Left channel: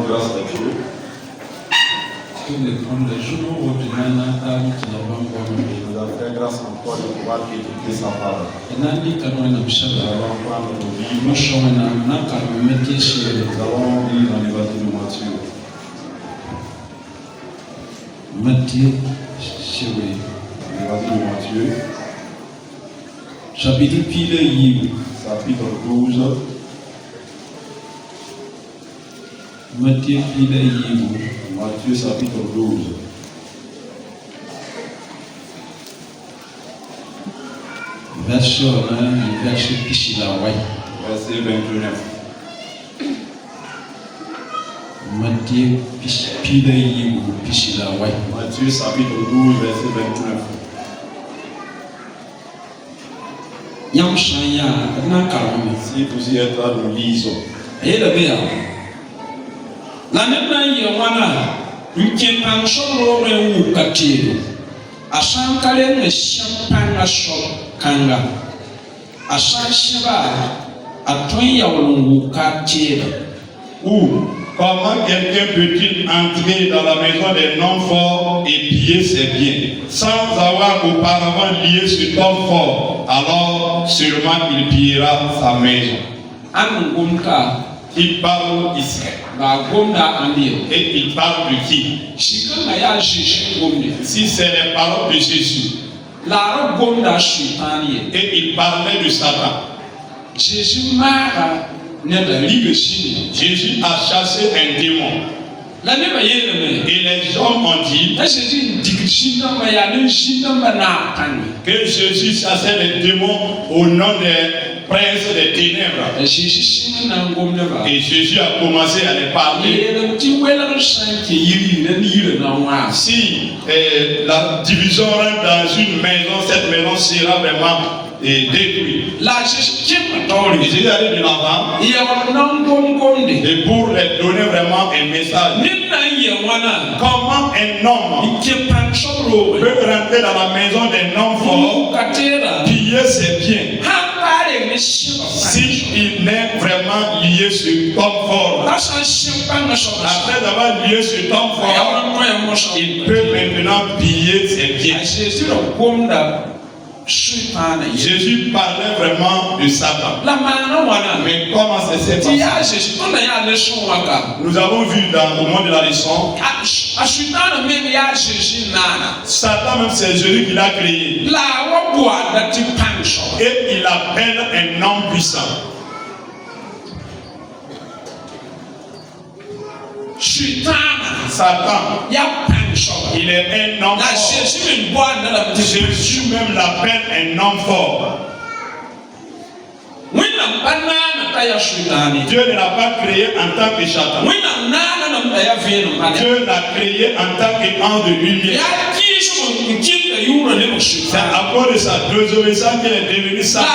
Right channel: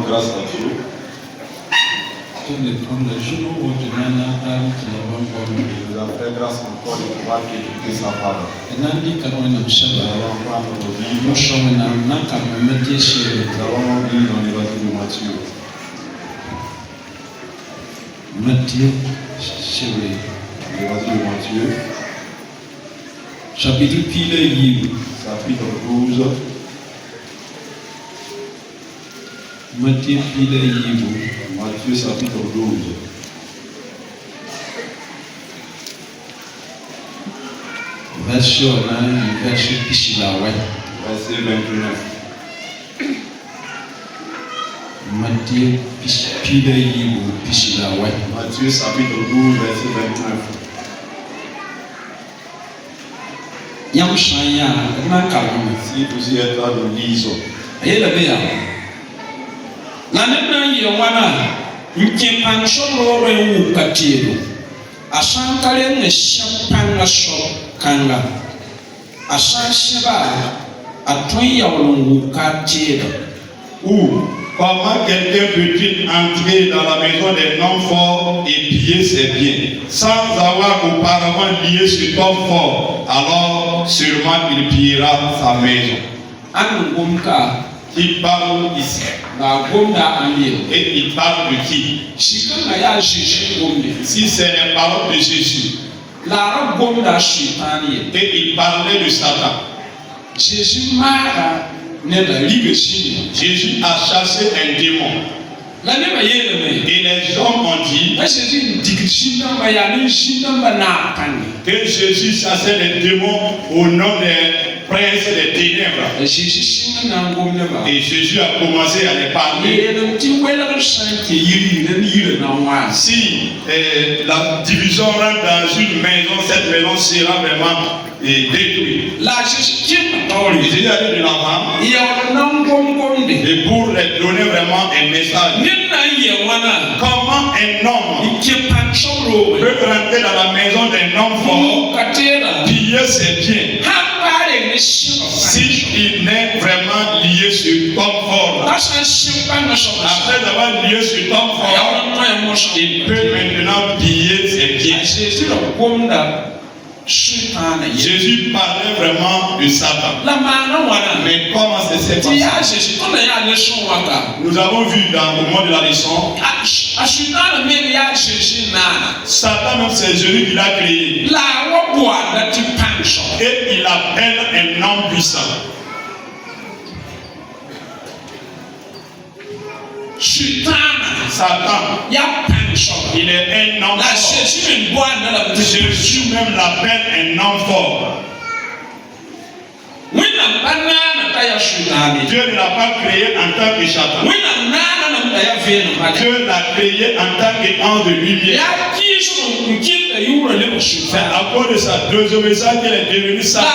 rendons grâce à Dieu. Et nous avons fait grâce encore de pouvoir écouter sa parole. Nous allons prendre nos Bibles. Nous allons lire dans l'évangile de Matthieu. L'évangile de Matthieu. Chapitre 12. Matthieu chapitre 12. Verset 29. Matthieu chapitre 12, verset 29. Si vous y êtes là, nous lisons. Ou comment quelqu'un peut-il entrer dans la maison des non forts et piller ses biens sans avoir auparavant lié cet homme fort? Alors seulement il pillera sa maison. Il parle ici. Et il parle de qui? Si c'est les paroles de Jésus. Et il parlait de Satan. Jésus a chassé un démon. Et les hommes ont dit que Jésus chassait les démons au nom des princes des ténèbres. Et Jésus a commencé à les parler. Si la division rentre dans une maison, cette maison sera vraiment détruite. Jésus allait de l'avant et pour leur donner vraiment un message. Comment un homme peut rentrer dans la maison d'un homme fort, piller ses biens, s'il n'est vraiment lié sur homme fort? Après avoir lié sur homme fort, il peut maintenant piller ses biens. Jésus parlait vraiment de Satan. Mais comment c'est passé? Nous avons vu au moment de la leçon, Satan même c'est Jésus qui l'a créé. Et il appelle un homme puissant. Satan, il est un homme fort. Jésus même l'appelle un homme fort. Dieu ne l'a pas créé en tant que Satan. Dieu l'a créé en tant qu'ange de lumière. C'est à cause de sa désobéissance qu'il est devenu Satan.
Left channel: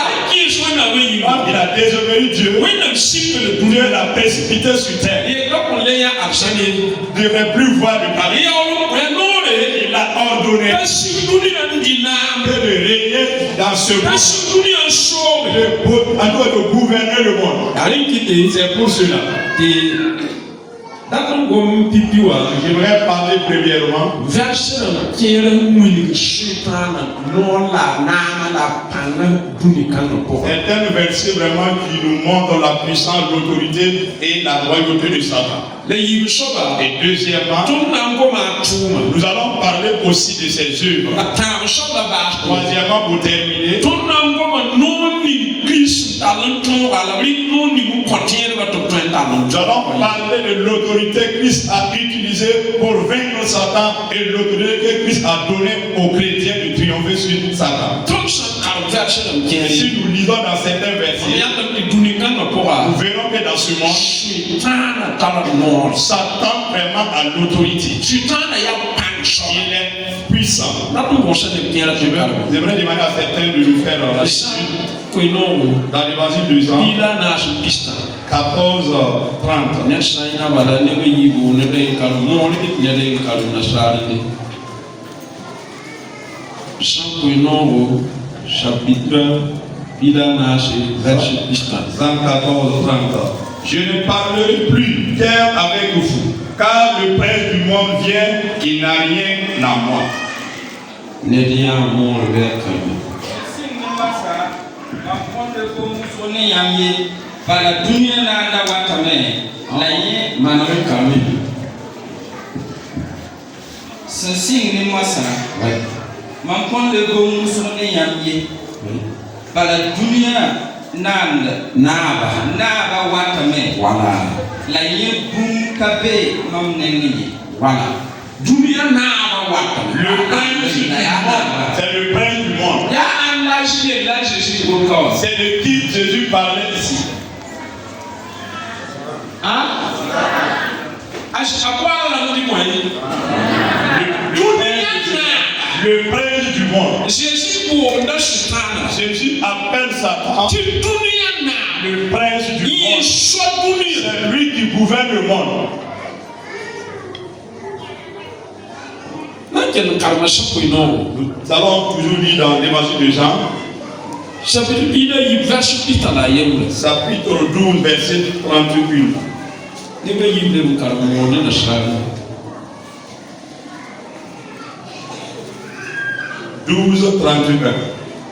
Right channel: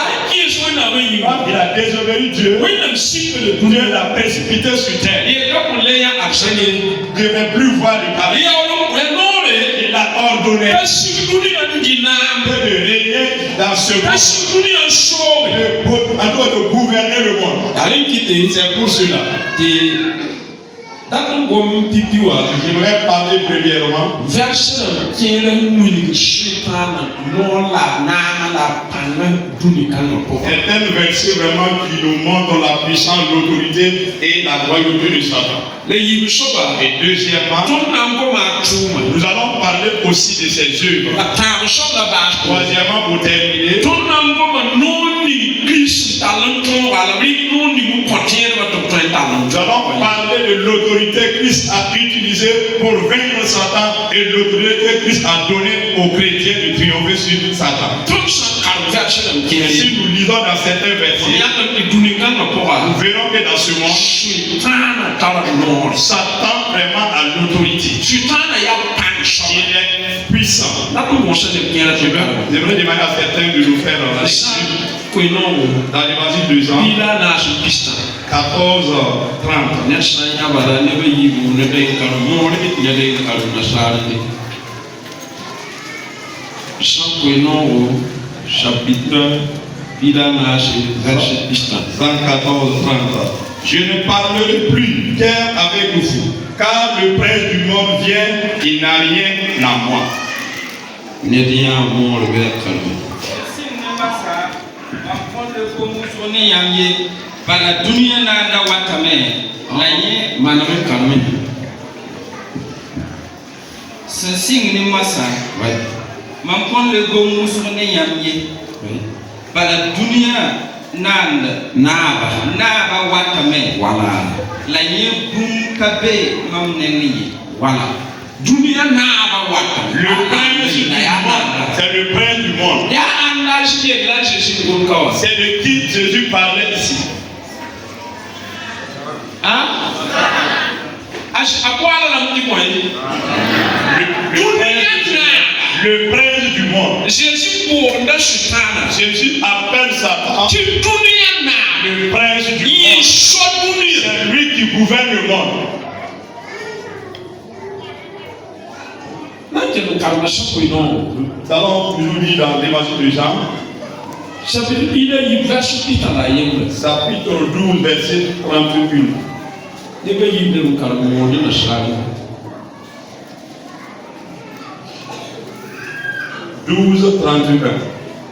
Quand il a désobéi Dieu, Dieu l'a précipité sur terre. Il ne devait plus voir de paradis. Il a ordonné de régner dans ce monde, de gouverner le monde. C'est pour cela. J'aimerais parler premièrement un verset vraiment qui nous montre la puissance, l'autorité et la royauté de Satan. Et deuxièmement, nous allons parler aussi de ses œuvres. Troisièmement, pour terminer, nous allons parler de l'autorité que Christ a utilisée pour vaincre Satan et l'autorité que Christ a donnée aux chrétiens de triompher sur Satan. Si nous lisons dans certains versets, nous verrons que dans ce monde, Satan vraiment a l'autorité. Il est puissant. J'aimerais demander à certains de nous faire la lecture dans l'évangile de Jean 14, 30. Chapitre 114, 30. Je ne parlerai plus guère avec Car le prince du monde vient, il n'a rien à moi. Voilà. Dunia na wata. Le prince du monde, c'est le prince du monde. C'est de qui Jésus parlait ici. Hein? Le prince du monde. Jésus appelle Satan le prince du monde. C'est lui qui gouverne le monde. Nous avons toujours lu dans l'évangile de Jean, chapitre 12, verset 31.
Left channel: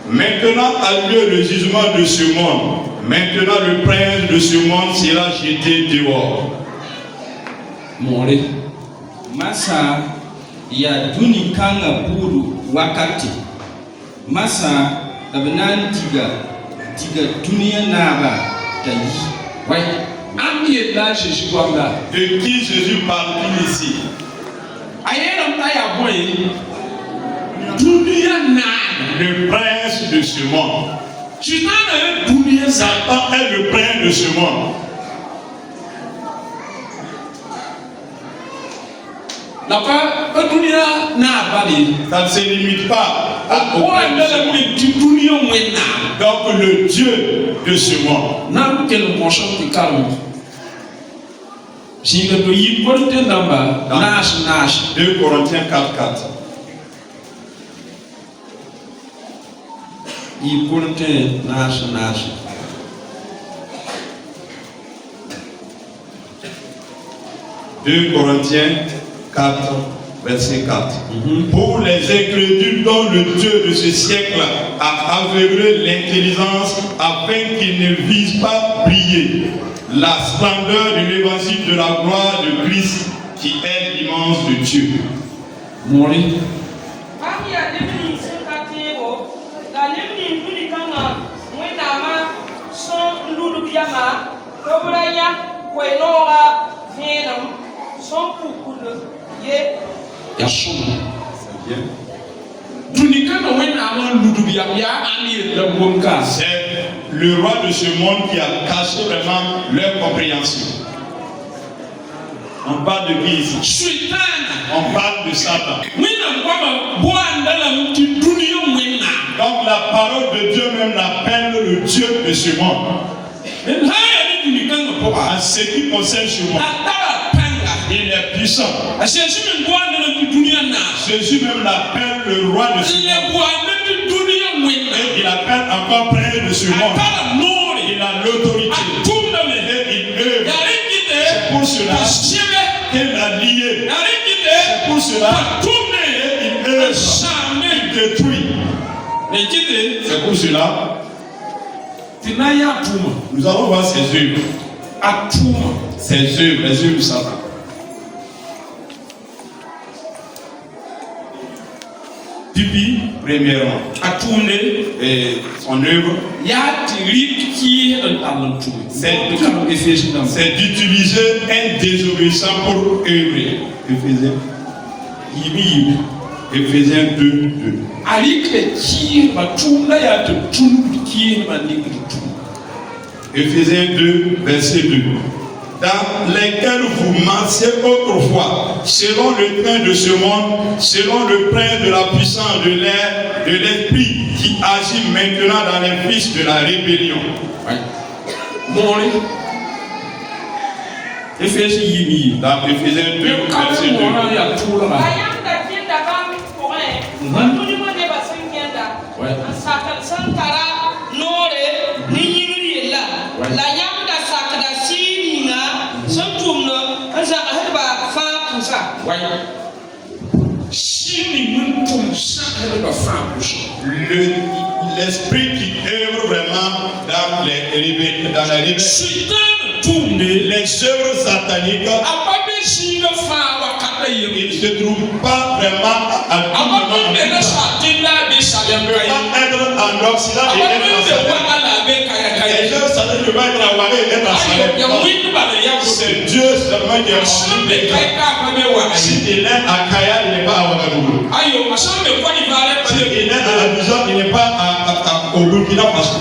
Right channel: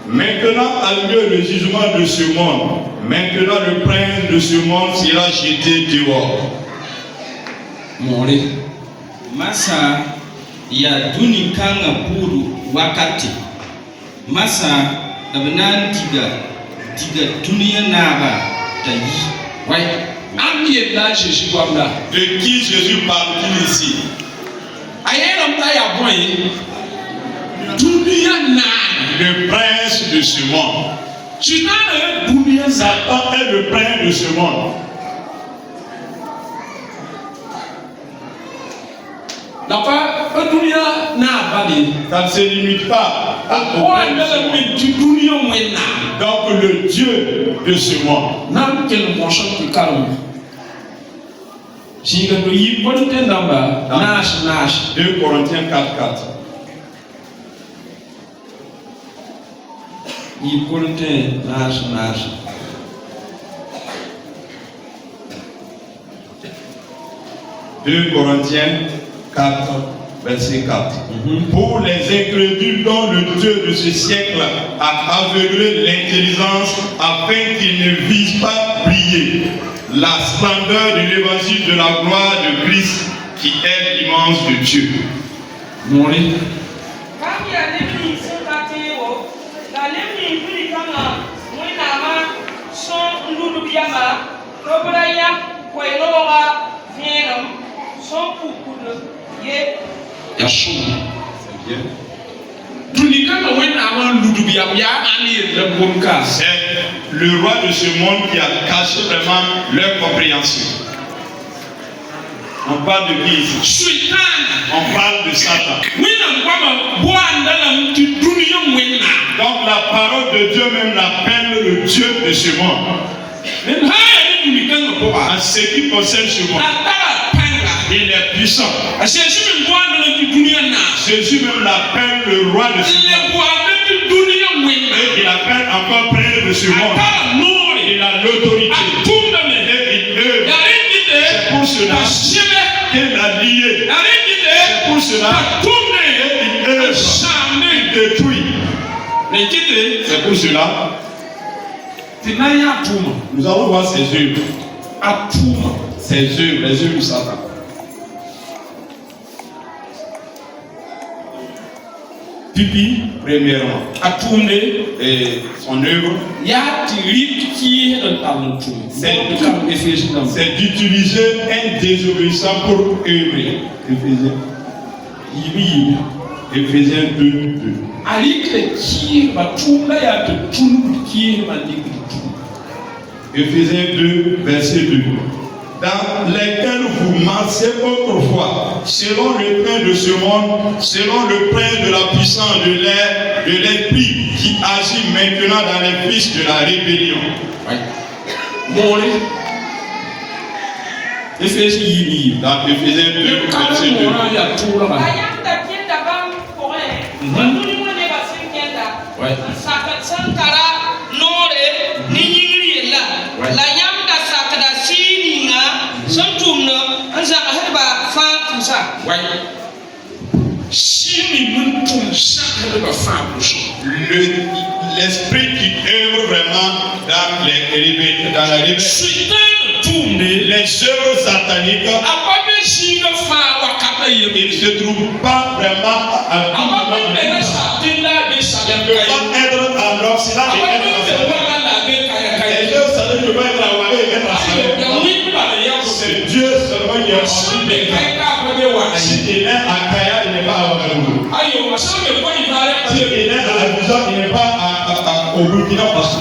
Maintenant a lieu le jugement de ce monde. Maintenant le prince de ce monde sera jeté dehors. Masa ya duni kanga buru wakati. Masa dabanan tiga dunia naba tayi. De qui Jésus parle ici? Le prince de ce monde. Satan est le prince de ce monde. Ça ne se limite pas au prince de ce monde. Donc le Dieu de ce monde. 2 Corinthiens 4:4. Deux Corinthiens 4, verset 4. Pour les incrédules dont le Dieu de ce siècle a aveuglé l'intelligence afin qu'ils ne visent pas briller la splendeur de l'évangile de la gloire de Christ qui est l'immense de Dieu. C'est le roi de ce monde qui a caché vraiment leur compréhension. On parle de qui ici? On parle de Satan. Donc la parole de Dieu même l'appelle le Dieu de ce monde. En ce qui concerne ce monde, il est puissant. Jésus même l'appelle le roi de ce monde. Et il appelle encore prince de ce monde. Il a l'autorité. Et il œuvre. C'est pour cela qu'il a lié. C'est pour cela qu'il œuvre. Il détruit. C'est pour cela. Nous allons voir ses œuvres. Ses œuvres, les œuvres de Satan. Pipi, premièrement, et son œuvre, c'est d'utiliser un désobéissant pour œuvrer. Éphésiens 2, 2. Éphésiens 2, verset 2. Dans lesquels vous marchiez autrefois, selon le train de ce monde, selon le prince de la puissance de l'air, de l'esprit qui agit maintenant dans les fils de la rébellion. Dans Éphésiens 2, verset 2. L'esprit qui œuvre vraiment dans la rébellion. Les œuvres sataniques, il ne se trouve pas vraiment à tout moment. Il ne peut pas être en Occident et être en Occident. Les œuvres sataniques ne peuvent pas être en Ouaga et être en Occident. C'est Dieu seulement qui est en Si il est à Kaya, il n'est pas à Ouagadougou. Si il est à la maison, il n'est pas au Burkina Faso.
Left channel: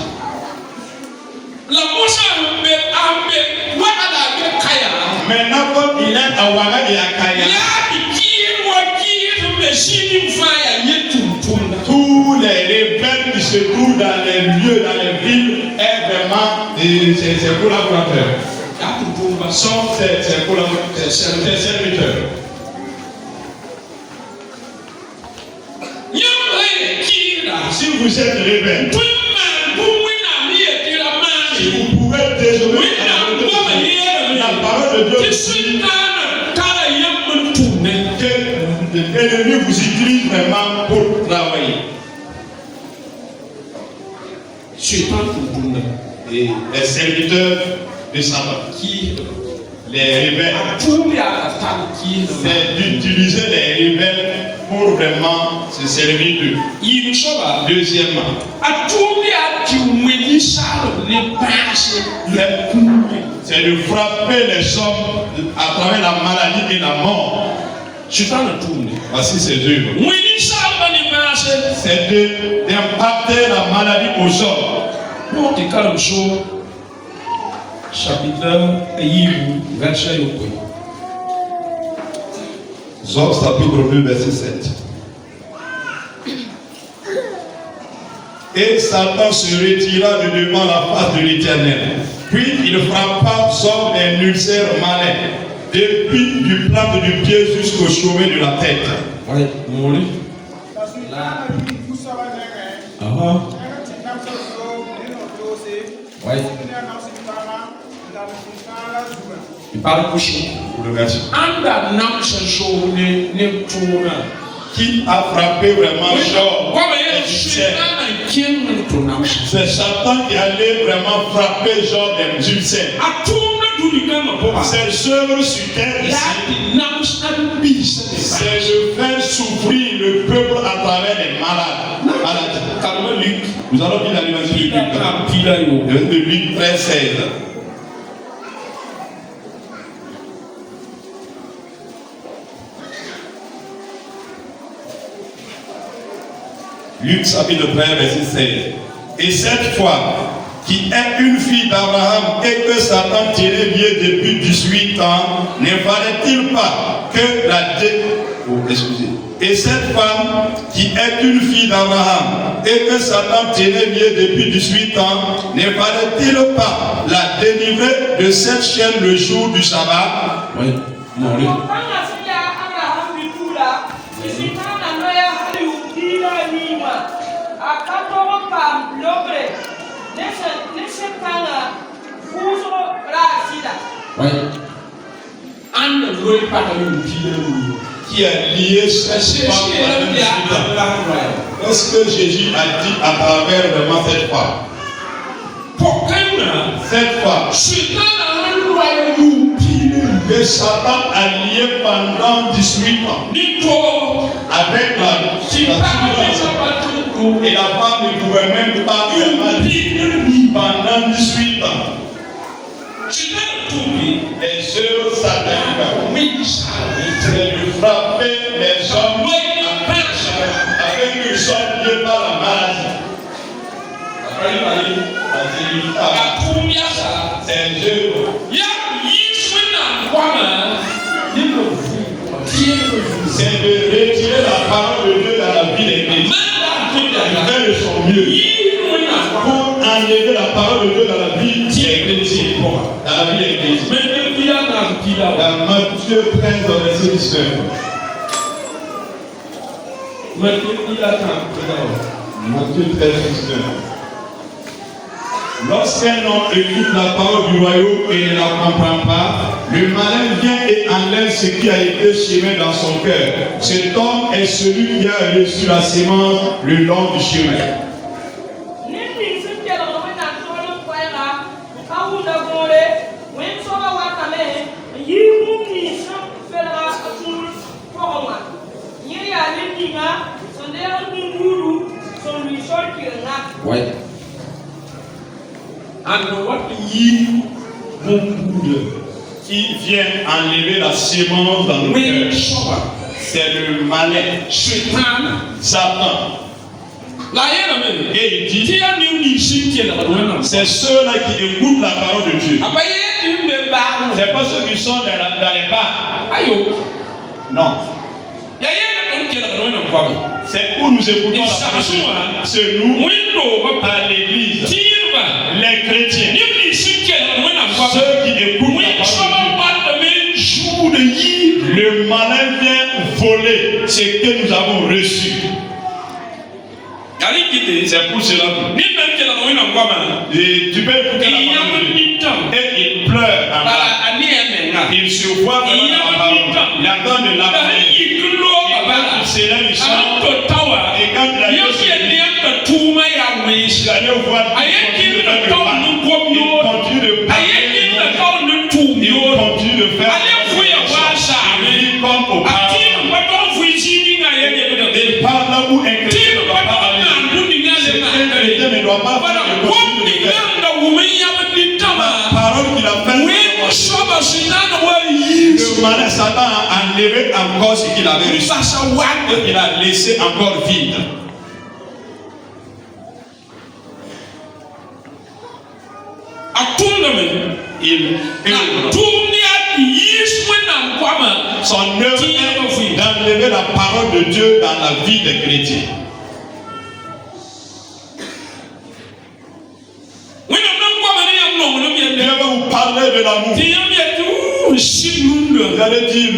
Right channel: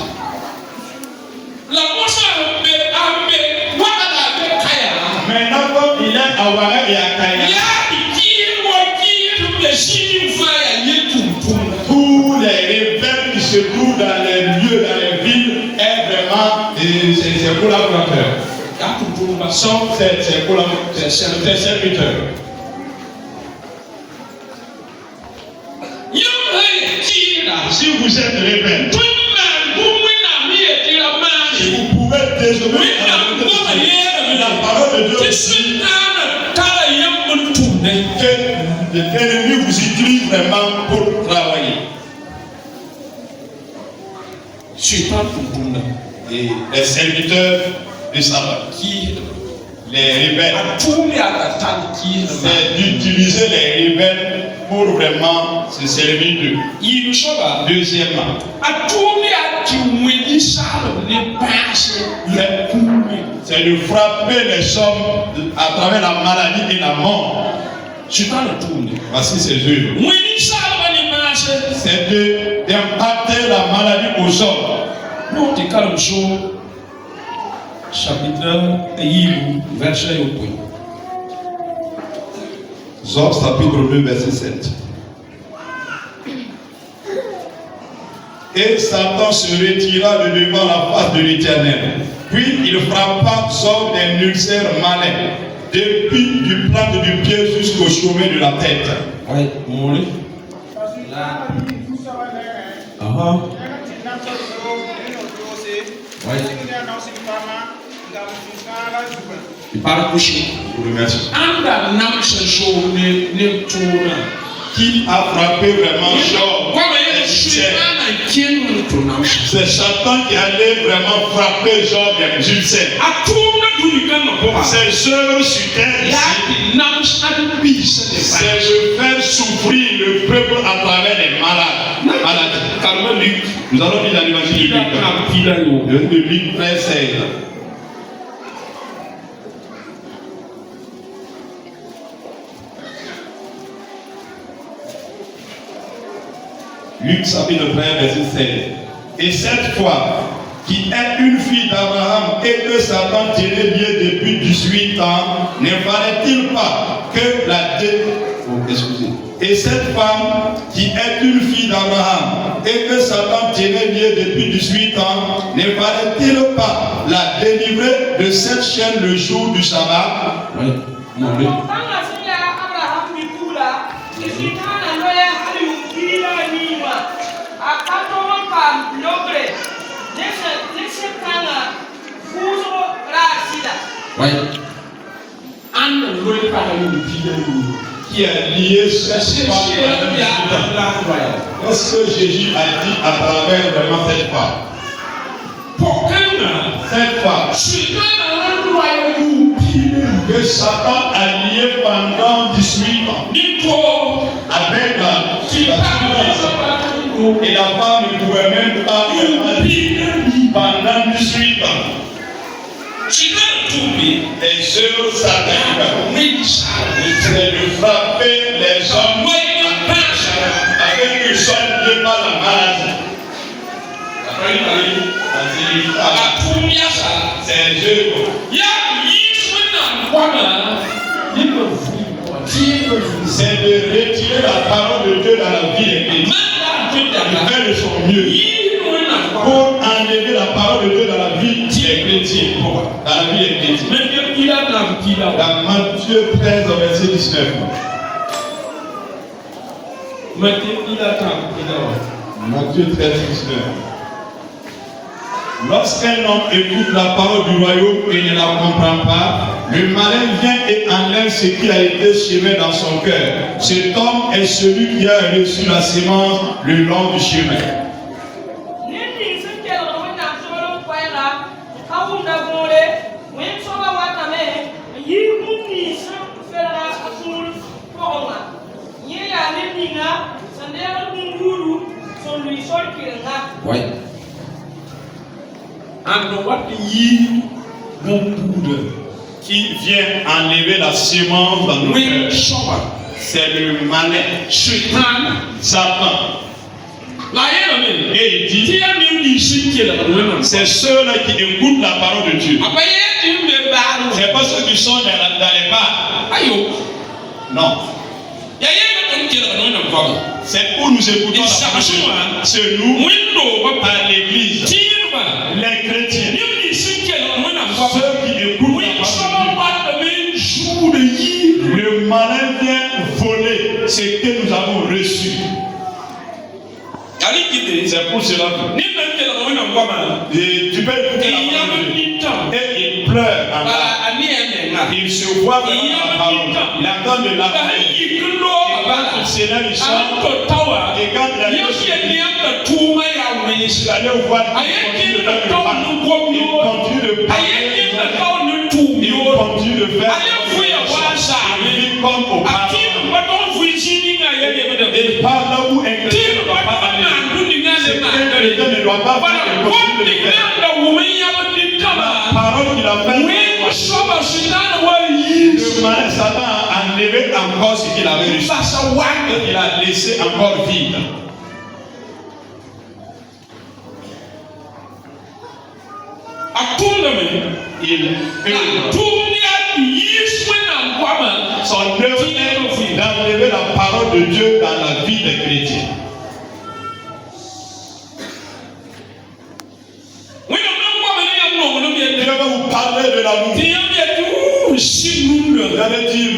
Maintenant, comme il est à Ouaga et à Kaya, tous les rebelles qui se trouvent dans les lieux, dans les villes, est vraiment ses collaborateurs. Sont ses serviteurs. Si vous êtes rebelle, si vous pouvez désobéir à la parole de Dieu, que l'ennemi vous utilise vraiment pour travailler. Et les serviteurs de Satan, les rebelles, c'est d'utiliser les rebelles pour vraiment se servir d'eux. Deuxièmement, c'est de frapper les hommes à travers la maladie et la mort. Voici ses œuvres. C'est d'impacter la maladie aux hommes. Job chapitre 2 verset 7. Et Satan se retira de devant la face de l'Éternel. Puis il frappa Job d'un ulcère malin, depuis du plâtre du pied jusqu'au sommet de la tête. Il parle couché. Qui a frappé vraiment Job? C'est Satan qui allait vraiment frapper Job d'un ulcère. Ses œuvres sur terre ici, c'est de faire souffrir le peuple à travers les malades. Nous allons lire dans l'évangile de Luc 13:16. Luc chapitre 13 verset 16. Et cette fois, qui est une fille d'Abraham et que Satan tenait lieu depuis 18 ans, ne fallait-il pas que Et cette femme, qui est une fille d'Abraham et que Satan tenait lieu depuis 18 ans, ne fallait-il pas la délivrer de cette chaîne le jour du sabbat? Oui. Non, oui. Qui a lié ce pas. Qu'est-ce que Jésus a dit à travers vraiment cette femme? Cette femme que Satan a lié pendant 18 ans avec la et la femme ne pouvait même pas pendant 18 ans. Les œuvres sataniques, c'est de frapper les hommes avec une seule Dieu par la maladie. C'est les œuvres. C'est de retirer la parole de Dieu dans la vie des chrétiens. Faire de son mieux pour enlever la parole de Dieu dans la vie des chrétiens. Dans la vie des chrétiens. Dans Matthieu 13, verset 19. Matthieu 13, 19. Lorsqu'un homme écoute la parole du royaume et ne la comprend pas, Le malin vient et enlève ce qui a été semé dans son cœur. Cet homme est celui qui a reçu la sémence le long du chemin. Ouais. Qui vient enlever la sémence dans nos cœurs. C'est le malin, Satan. Et il dit, c'est ceux-là qui écoutent la parole de Dieu. C'est pas ceux qui sont dans les bars. Non. C'est où nous écoutons la parole de Dieu. C'est nous à l'église. Les chrétiens. Ceux qui écoutent la parole de Dieu. Le malin vient voler ce que nous avons reçu. C'est pour cela que et tu peux écouter la parole de Dieu. Et il pleure en bas. Il se voit vraiment la parole. Il attend de la parole. C'est là ils sont. Et quand il a dit il allait voir, il continue de parler. Il continue de faire. Il vit comme au parlement. Et par là où un chrétien ne doit pas aller. Un chrétien ne doit pas faire le continue de faire. La parole qu'il a faite. Le malin Satan a enlevé encore ce qu'il avait reçu. Et il a laissé encore vide. Son œuvre est d'enlever la parole de Dieu dans la vie des chrétiens. Dieu va vous parler de l'amour. Vous allez dire,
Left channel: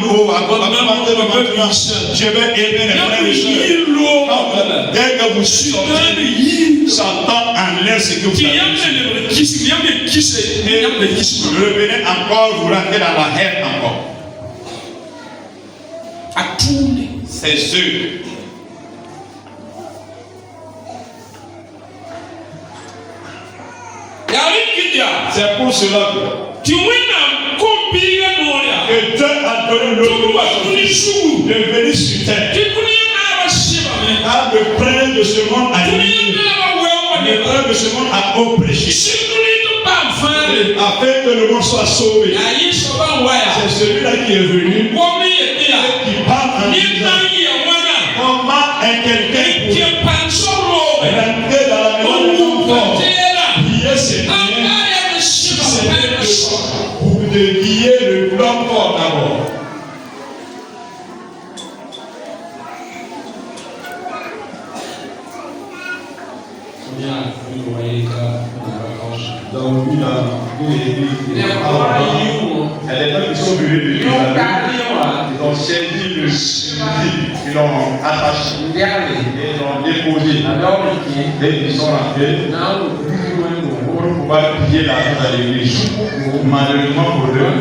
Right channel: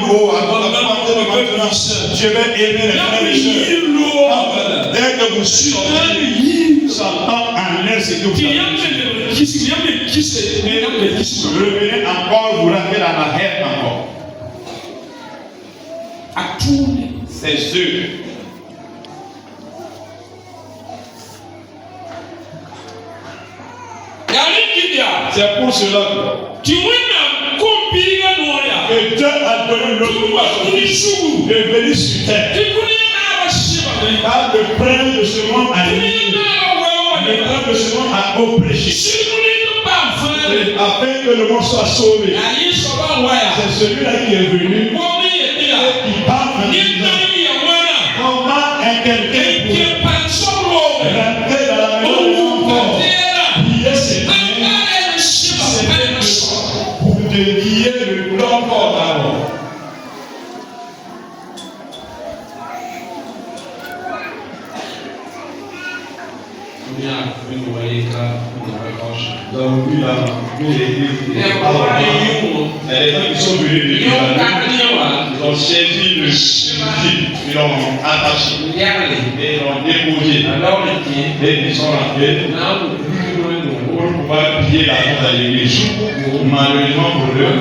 je vais aimer les frères et sœurs. Dès que vous sortez, Satan enlève ce que vous avez. Revenez encore, vous rentrez dans la haine encore. C'est sûr. C'est pour cela que Dieu a donné l'autorisation de venir sur terre. Car le prince de ce monde a dit, le prince de ce monde a oppressé. Afin que le monde soit sauvé. C'est celui-là qui est venu et qui parle en disant comment est quelqu'un pour rentrer dans la maison de son corps, lier ses pieds, pour de lier le corps d'abord. Donc, lui, là, il y a des gens qui sont venus de ils ont saisi le ils l'ont attaché et ils l'ont déposé. Et ils sont rentrés pour pouvoir piller la tête à l'église. Malheureusement pour eux,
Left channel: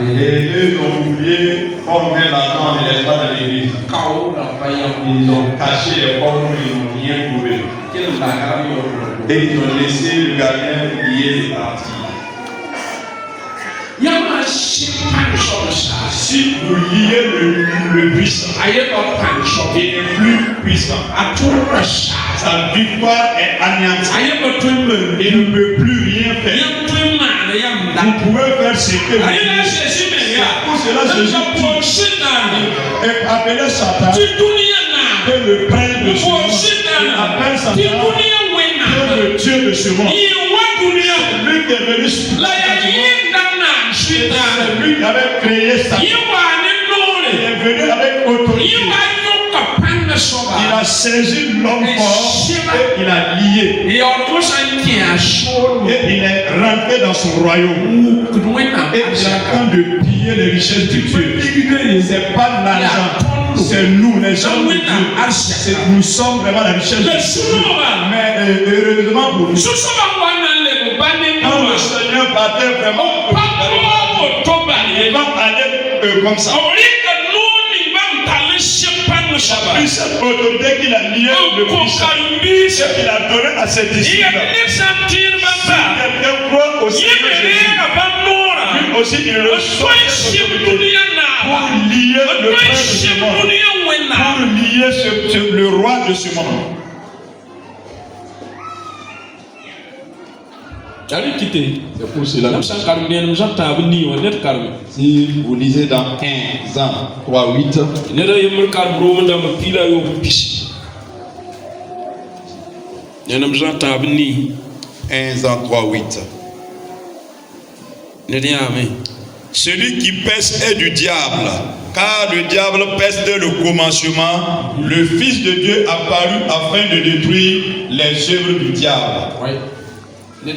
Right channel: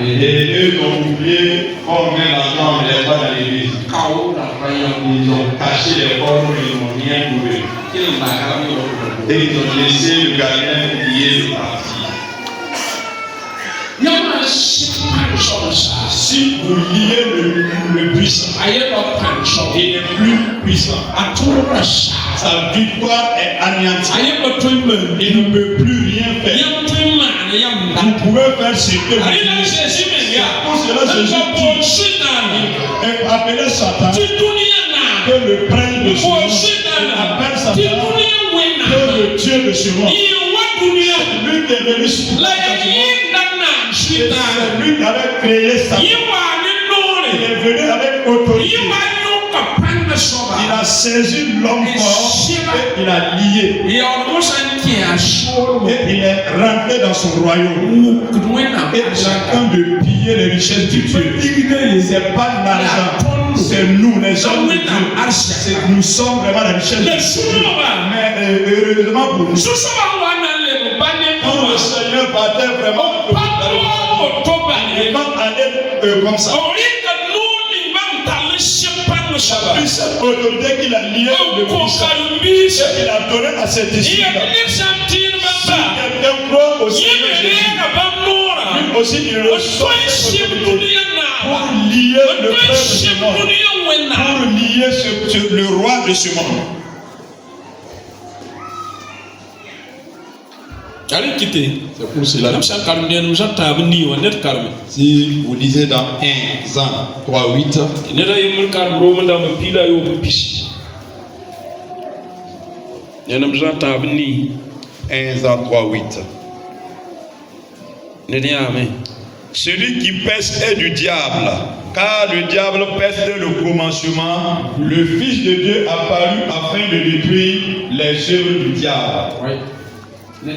et eux ont oublié combien l'argent il est pas dans l'église. Ils ont caché les corps, ils n'ont rien trouvé. Et ils ont laissé le gardien lier le parti. Si vous liez le puissant, il est plus puissant. Sa victoire est anéantie. Il ne peut plus rien faire. Vous pouvez faire ce que vous voulez. Pour cela, Jésus et appelez Satan que le prince de ce monde. Appelle Satan que le Dieu de ce monde. Lui qui est venu sur la c'est lui qui avait créé Satan. Il est venu avec autorité. Il a saisi l'homme fort et il a lié. Et il est rentré dans son royaume. Et il est en train de piller les richesses de Dieu. Ce n'est pas l'argent, c'est nous, les gens de Dieu. Nous sommes vraiment la richesse de Dieu. Mais heureusement pour nous, quand le Seigneur battait vraiment eux comme ça. La puissante autorité qu'il a liée de puissance et qu'il a donné à cet esprit-là. Si quelqu'un croit au Seigneur Jésus, lui aussi il reçoit cette autorité pour lier le peuple de ce monde, pour lier le roi de ce monde. C'est pour cela. Si vous lisez dans 1 Jean 3:8, 1 Jean 3:8. Celui qui pèse est du diable, car le diable pèse dès le commencement. Le Fils de Dieu apparut afin de détruire les œuvres du diable. Le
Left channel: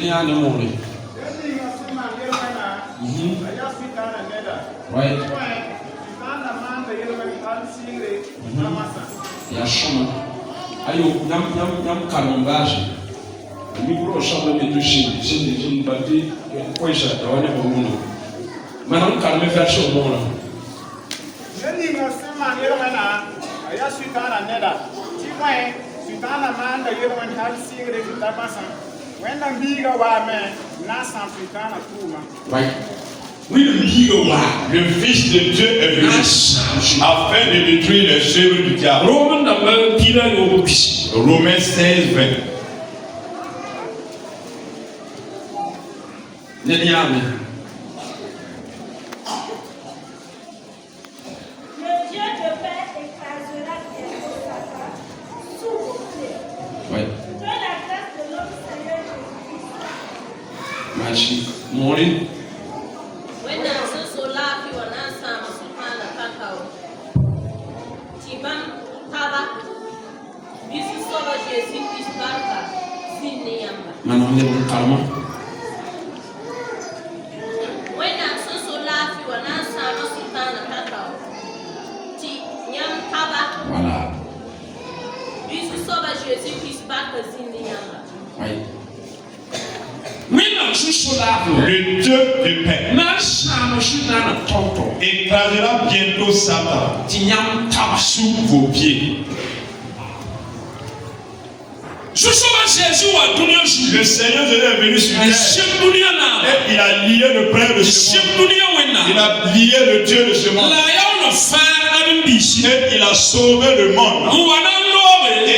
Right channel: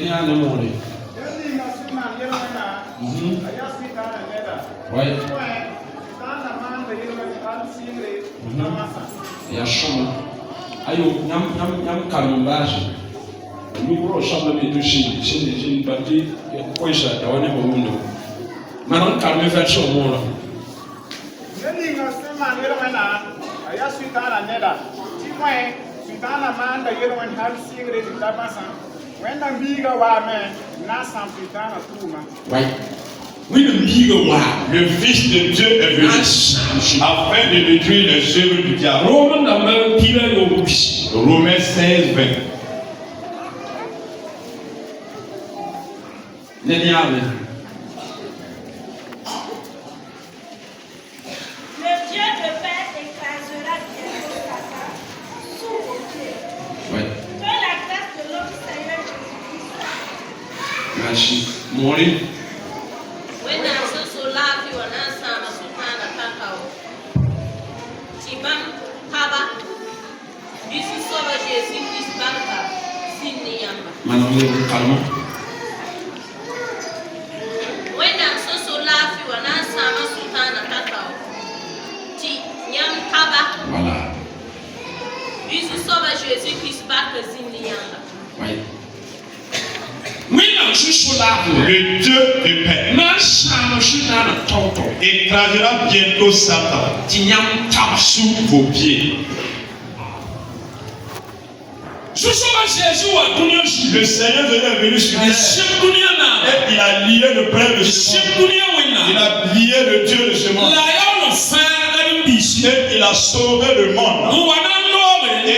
Fils de Dieu est venu afin de détruire les œuvres du diable. Romains 16:20. Le Dieu de paix écrasera bientôt Satan sous vos pieds. Que la grâce de notre Seigneur Jésus-Christ. Le Dieu de paix écrasera bientôt Satan sous vos pieds. Le Seigneur est venu sur terre et il a lié le peuple de ce monde. Il a lié le Dieu de ce monde. Et il a sauvé le monde. Et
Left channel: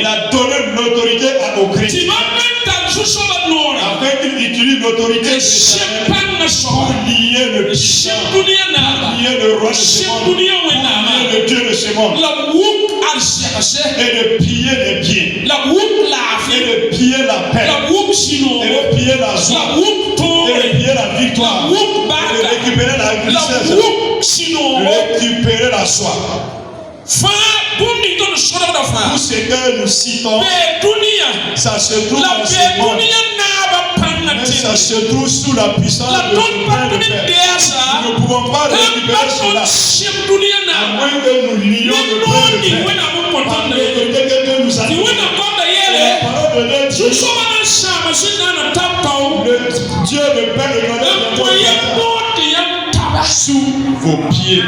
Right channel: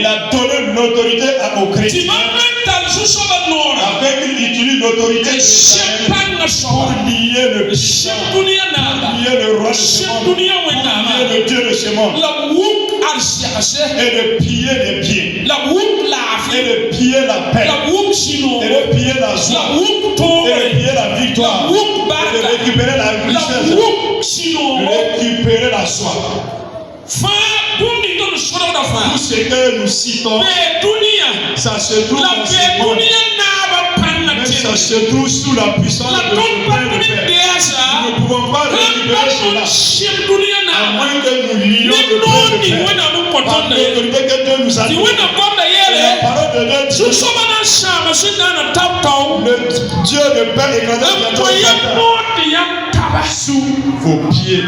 il a donné l'autorité aux chrétiens. Afin qu'il utilise l'autorité pour lier le puissant, pour lier le roi de ce monde, pour lier le Dieu de ce monde, et de piller les pieds, et de piller la paix, et de piller la joie, et de piller la victoire, et de récupérer la richesse, de récupérer la soie. Tout ce que nous citons, ça se trouve dans ce monde. Mais ça se trouve sous la puissance de Dieu. Nous ne pouvons pas récupérer cela, à moins que nous lions le peuple de Dieu par l'autorité que Dieu nous a donnée. Et la parole de Dieu dit, le Dieu de paix écrasera bientôt sous vos pieds.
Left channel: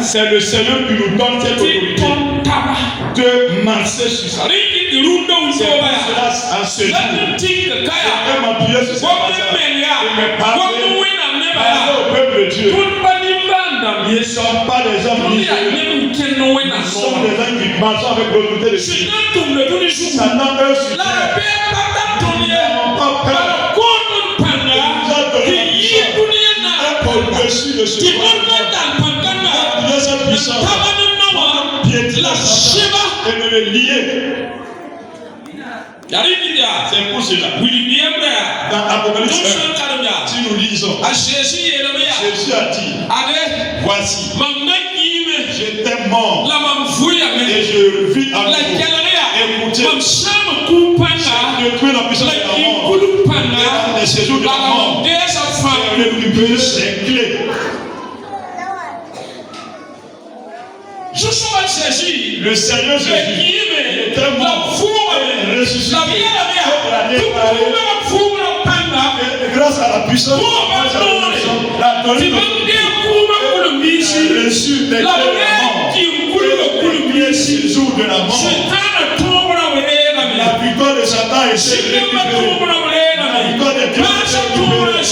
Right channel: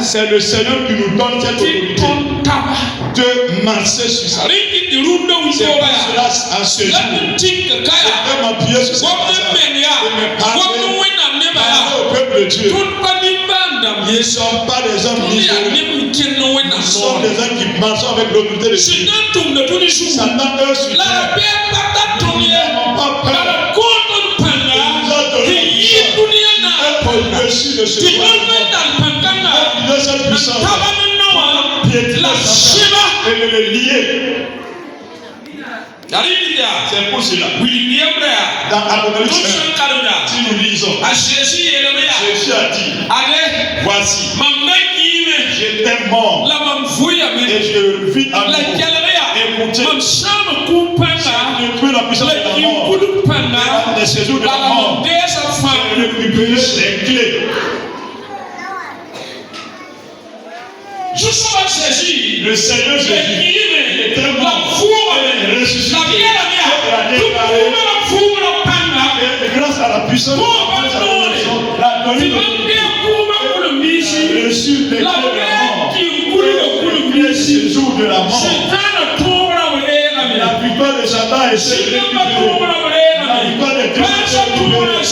C'est le Seigneur qui nous donne cette autorité de marcher sur ça. C'est pour cela, à ce jour, je peux m'appuyer sur cette passage et me parler au peuple de Dieu. Ils ne sont pas des hommes isolés. Nous sommes des hommes qui marchent avec l'autorité de Dieu. Satan, eux, sur terre, ils n'ont pas peur. Il nous a donné au-dessus de ce monde. Il est sa puissance. Piétiner et de le lier. C'est pour cela. Dans Apocalypse, si nous lisons, Jésus a dit, voici, j'étais mort et je vis à nouveau. Écoutez, j'ai détruit la puissance de la mort. Et les séjours de la mort, je vais récupérer les clés. Le Seigneur Jésus était mort, ressuscité, puissance de la donné reçu des clés de la mort. Le séjour de la mort. La victoire de Satan est récupérée. La victoire de Dieu est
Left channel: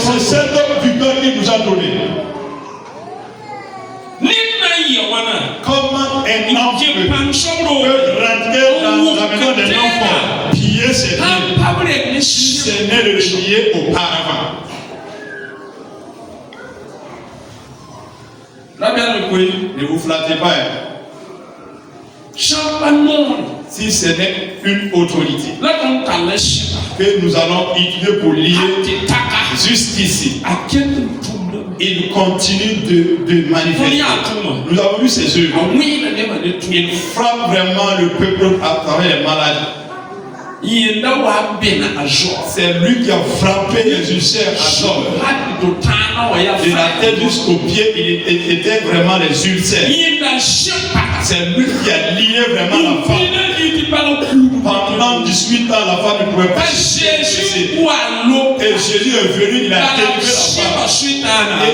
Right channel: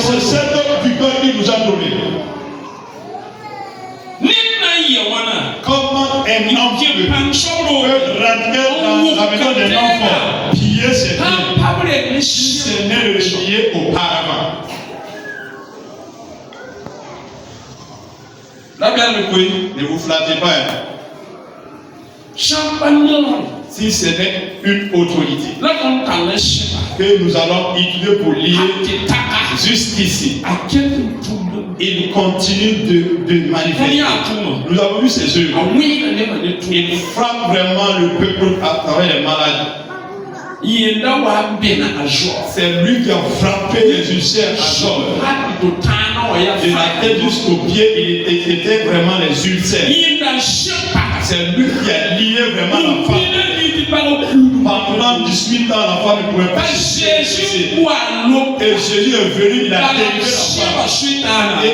c'est cette victoire qu'il nous a donnée. Comment un homme peut rentrer dans la maison d'un enfant, piller ses biens, si c'est né de le piller auparavant? Ne vous flattez pas. Si ce n'est une autorité que nous allons utiliser pour lier jusqu'ici, il continue de manifester. Nous avons vu ses œuvres. Il frappe vraiment le peuple à travers les malades. C'est lui qui a frappé les ulcères à Job. De la tête jusqu'aux pieds, il était vraiment les ulcères. C'est lui qui a lié vraiment la femme. Pendant 18 ans, la femme ne pouvait pas. Et Jésus est venu, il a délivré la femme. Et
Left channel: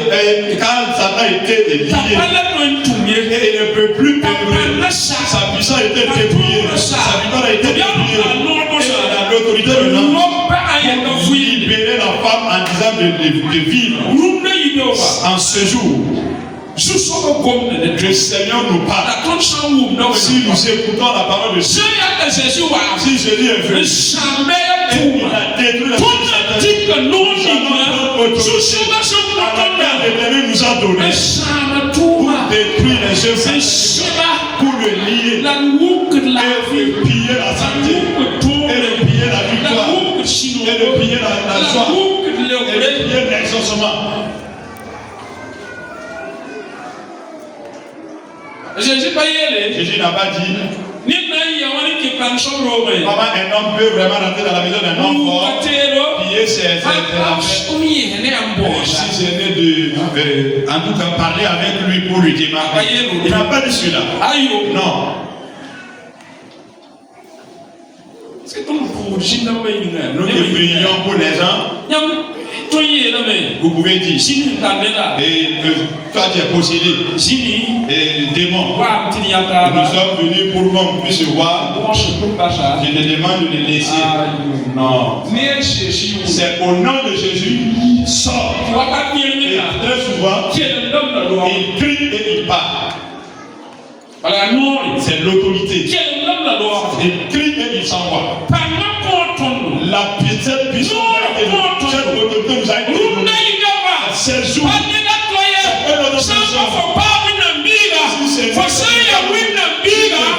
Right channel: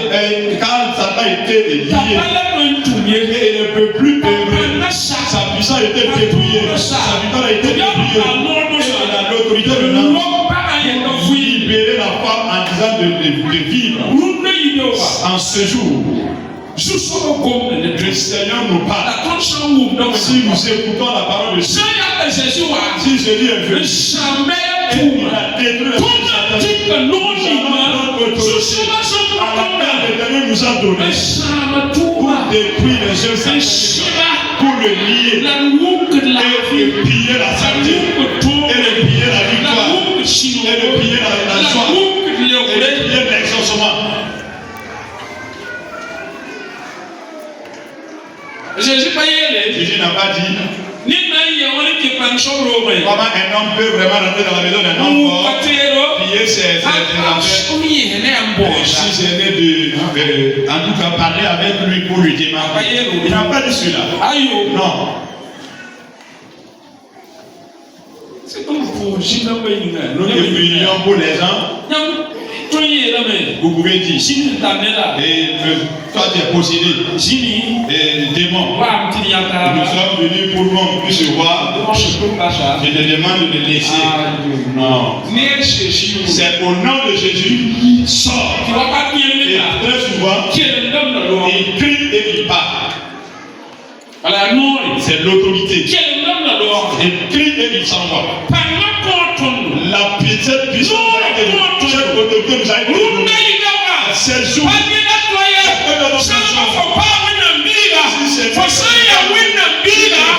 quand Satan était lié, et il ne peut plus œuvrer. Sa puissance était dépouillée. Sa victoire a été dépouillée. Et il a l'autorité de l'homme pour libérer la femme en disant de vivre. En ce jour, le Seigneur nous parle. Si nous écoutons la parole de Dieu, si Jésus est venu, il a détruit la l'Éternel nous a donné pour détruire les œuvres, pour le lier, et piller la santé, et le piller la victoire, et le piller la joie, et le piller l'exaucement. Jésus n'a pas dit comment un homme peut vraiment rentrer dans la maison d'un homme fort, piller ses affaires. Si je venais en tout cas parler avec lui pour lui démarrer, il n'a pas dit cela. Non. C'est comme pour nous qui prions pour les gens. Vous pouvez dire, et toi tu es possédé, et démon, nous sommes venus pour qu'on puisse voir. Je te demande de les laisser. Non, c'est au nom de Jésus, sort. Et très souvent, il crie et il parle. C'est l'autorité. Il crie et il s'envoie. La petite puissance de cette autorité nous a été donnée. C'est jour.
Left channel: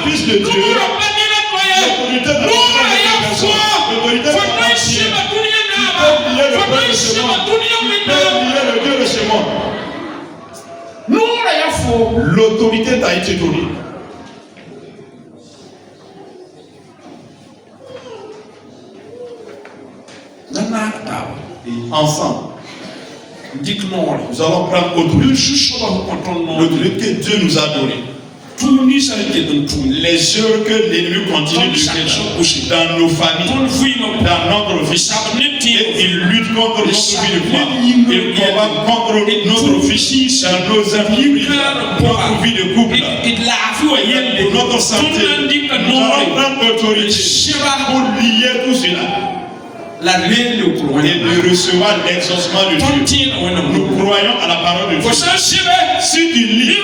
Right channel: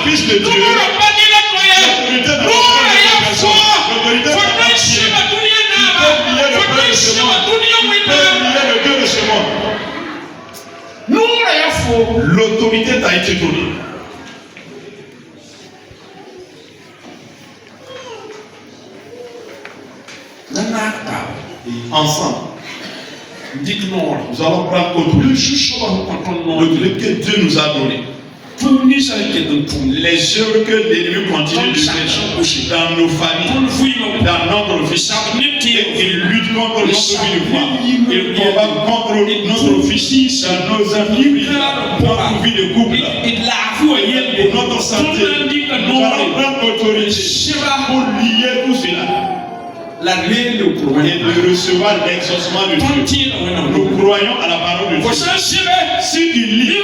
Fils de Dieu, l'autorité de l'autorité t'a été donnée. Ensemble, nous allons prendre l'autorité que Dieu nous a donnée. Les œuvres que l'ennemi continue de faire dans nos familles, dans notre vie, et il lutte contre notre vie de foi, il combat contre notre vie, dans nos amis, notre vie de couple, pour notre santé. Nous allons prendre l'autorité pour lier tout cela. Et de recevoir l'exaucement de Dieu. Nous croyons à la parole de Dieu. Si tu lis,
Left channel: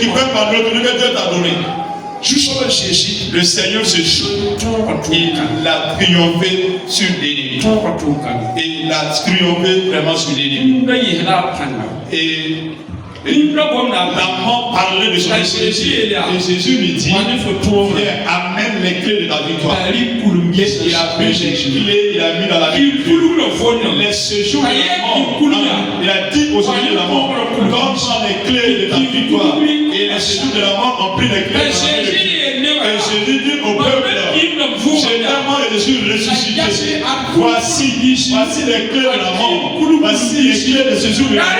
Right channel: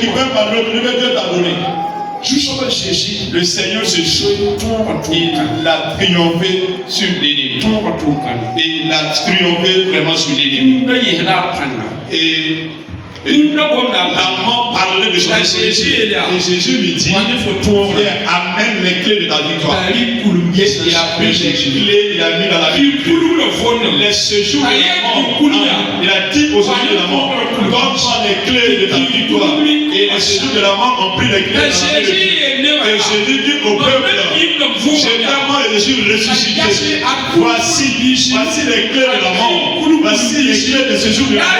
qui peut par l'autorité que Dieu t'a donné. Le Seigneur Jésus, il a triomphé sur l'ennemi. Et il a triomphé vraiment sur l'ennemi. Et l'amant parlait de son Jésus. Et Jésus lui dit, amène les clés de ta victoire. Et il a pris les clés, il a mis dans la Bible. Les séjours de la mort. Il a dit aux anges de la mort, donne-moi les clés de ta victoire. Et les séjours de la mort ont pris les clés de la Bible. Et Jésus dit au peuple, j'ai tellement et je suis ressuscité. Voici les clés de la mort. Voici les clés de ce jour de la mort.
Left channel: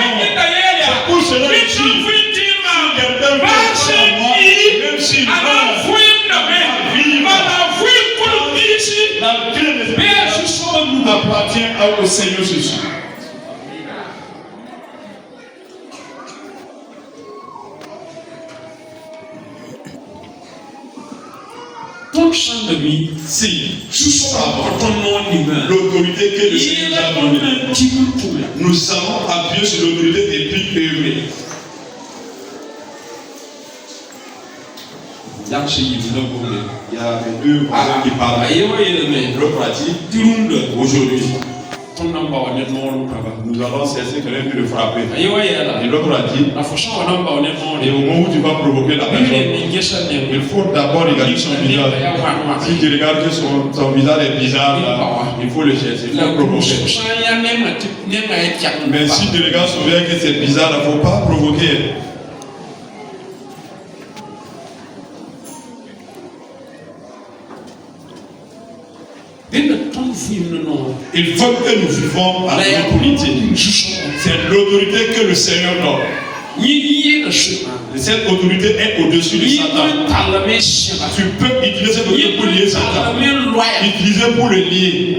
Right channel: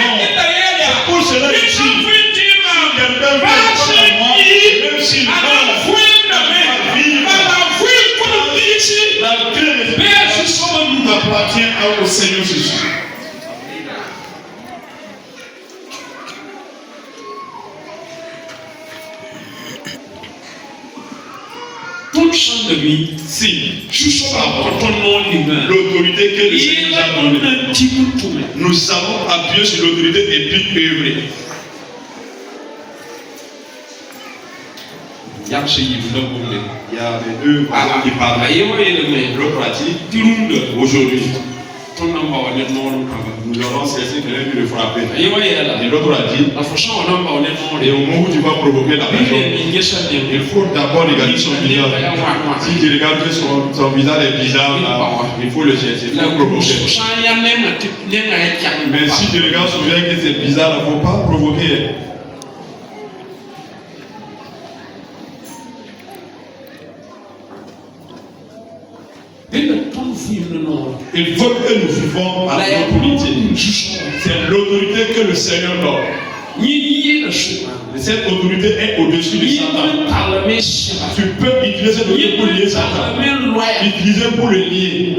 C'est pour cela que je suis. Quelqu'un veut croire en moi, même s'il meurt, la clé de ce nous appartient au Seigneur Jésus. Si l'autorité que le Seigneur nous a donnée, nous savons appuyer sur l'autorité et puis œuvrer. Il y a les deux qui parlent. L'autre a dit, aujourd'hui, nous allons cesser que l'un de le frapper. Et l'autre a dit, et au moment où tu vas provoquer la personne, il faut d'abord regarder son visage. Si tu regardes que son visage est bizarre, là, il faut le chercher, il faut provoquer. Mais si tu regardes son visage que c'est bizarre, il ne faut pas provoquer. Il faut que nous vivons à l'autorité. C'est l'autorité que le Seigneur donne. Cette autorité est au-dessus de Satan. Tu peux utiliser cette autorité pour lier Satan. Utiliser pour le lier.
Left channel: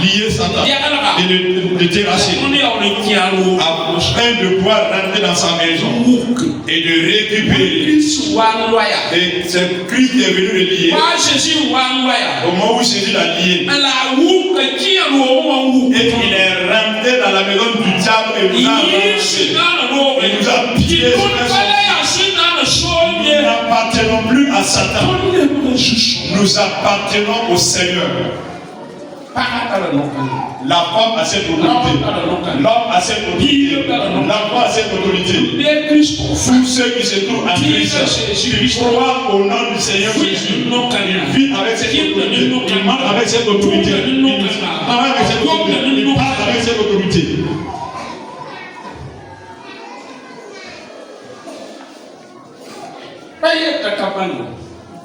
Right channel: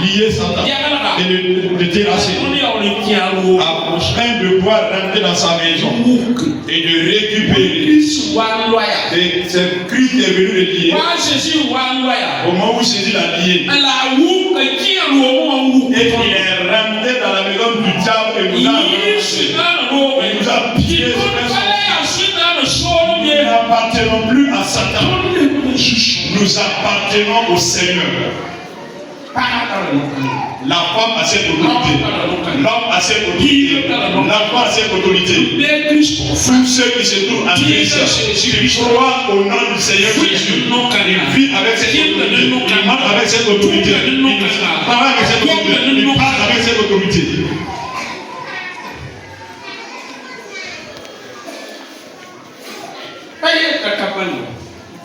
Lier Satan. Et le terrasser. Afin de pouvoir rentrer dans sa maison. Et de récupérer. Et c'est Christ qui est venu le lier. Au moment où Jésus l'a lié. Et il est rentré dans la maison du diable et nous a pillé. Nous n'appartenons plus à Satan. Nous appartenons au Seigneur. La femme a cette autorité. L'homme a cette autorité. L'enfant a cette autorité. Tous ceux qui se trouvent en Christ, qui croient au nom du Seigneur Jésus, ils vivent avec cette autorité. Ils marchent avec cette autorité. Ils parlent avec cette autorité. Ils parlent avec cette autorité.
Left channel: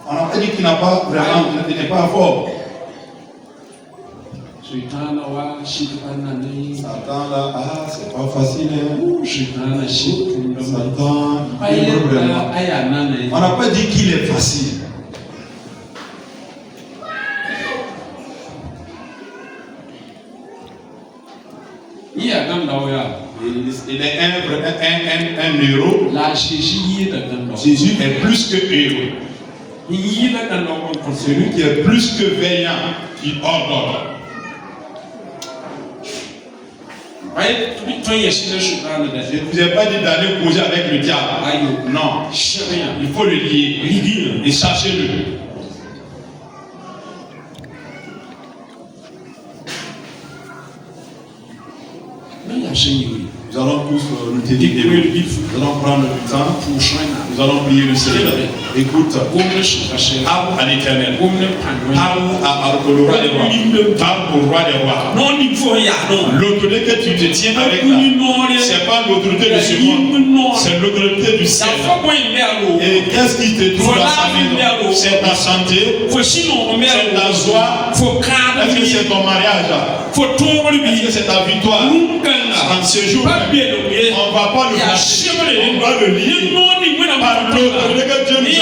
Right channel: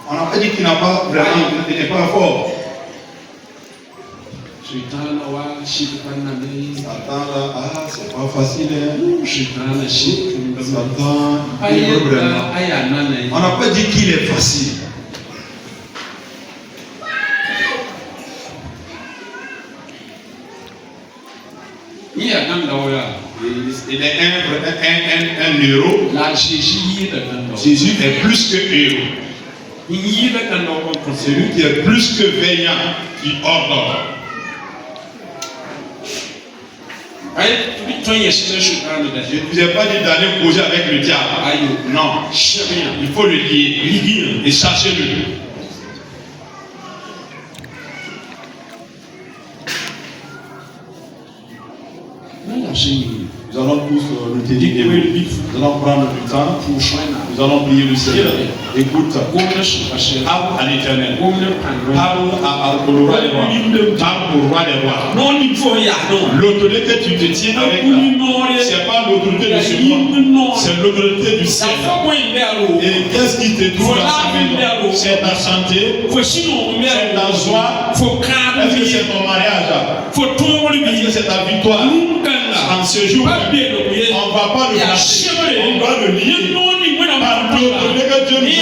On n'a pas dit qu'il n'a pas vraiment, il n'est pas fort. Satan là, c'est pas facile. Satan, on n'a pas dit qu'il est facile. Il est un héros. Jésus est plus que héros. C'est lui qui est plus que veillant, qui ordonne. Je ne vous ai pas dit d'aller causer avec le diable. Non, il faut le lier et chercher-le. Nous allons tous nous dédier. Nous allons prendre le temps. Nous allons prier le Seigneur. Écoute, parle à l'Éternel. Parle au roi des rois. Parle au roi des rois. L'autorité que tu te tiens avec là, c'est pas l'autorité de ce monde, c'est l'autorité du Seigneur. Et qu'est-ce qui te trouve dans sa maison? C'est ta santé, c'est ta joie, est-ce que c'est ton mariage? Est-ce que c'est ta victoire? En ce jour, on ne va pas le lâcher, on va le lier par l'autorité que Dieu nous a donnée.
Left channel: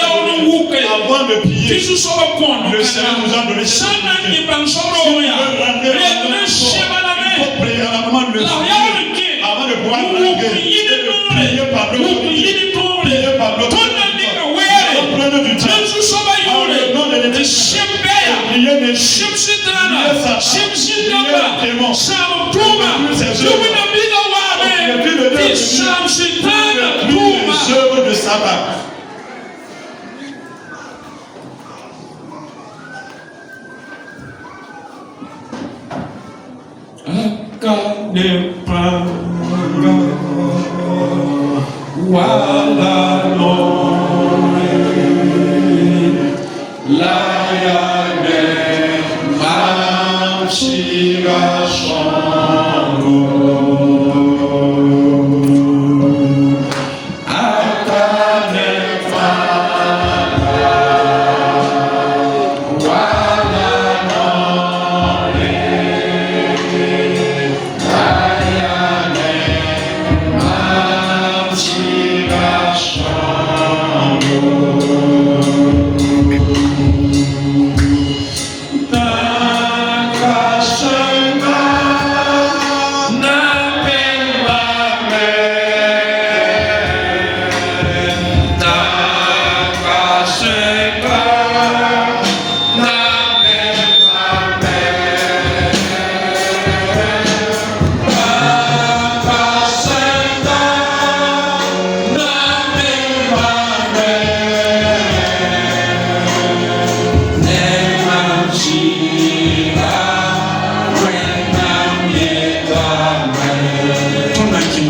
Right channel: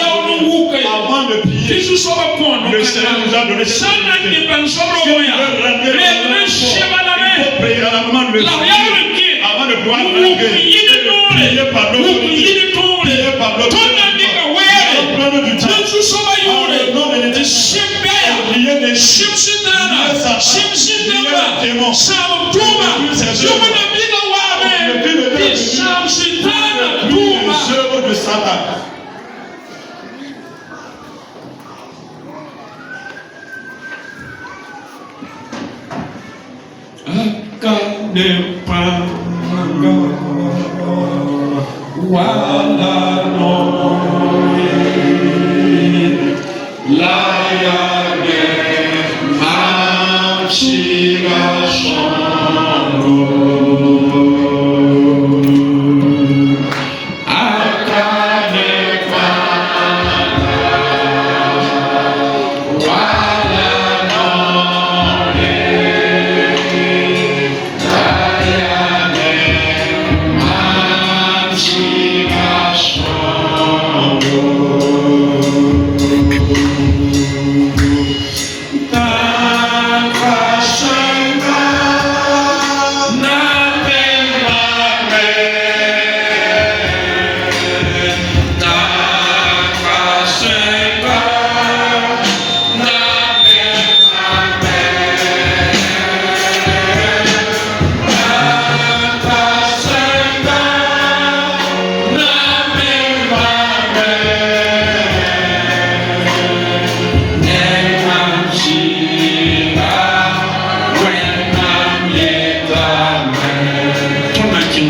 Avant de prier, le Seigneur nous a donné cette autorité. Si on veut rentrer dans il faut prier à la main de Dieu avant de pouvoir rentrer. Prier par l'autorité. Prier par l'autorité. Au nom du Dieu. Au nom de Dieu. Prier des chips. Prier des démons. De Satan. La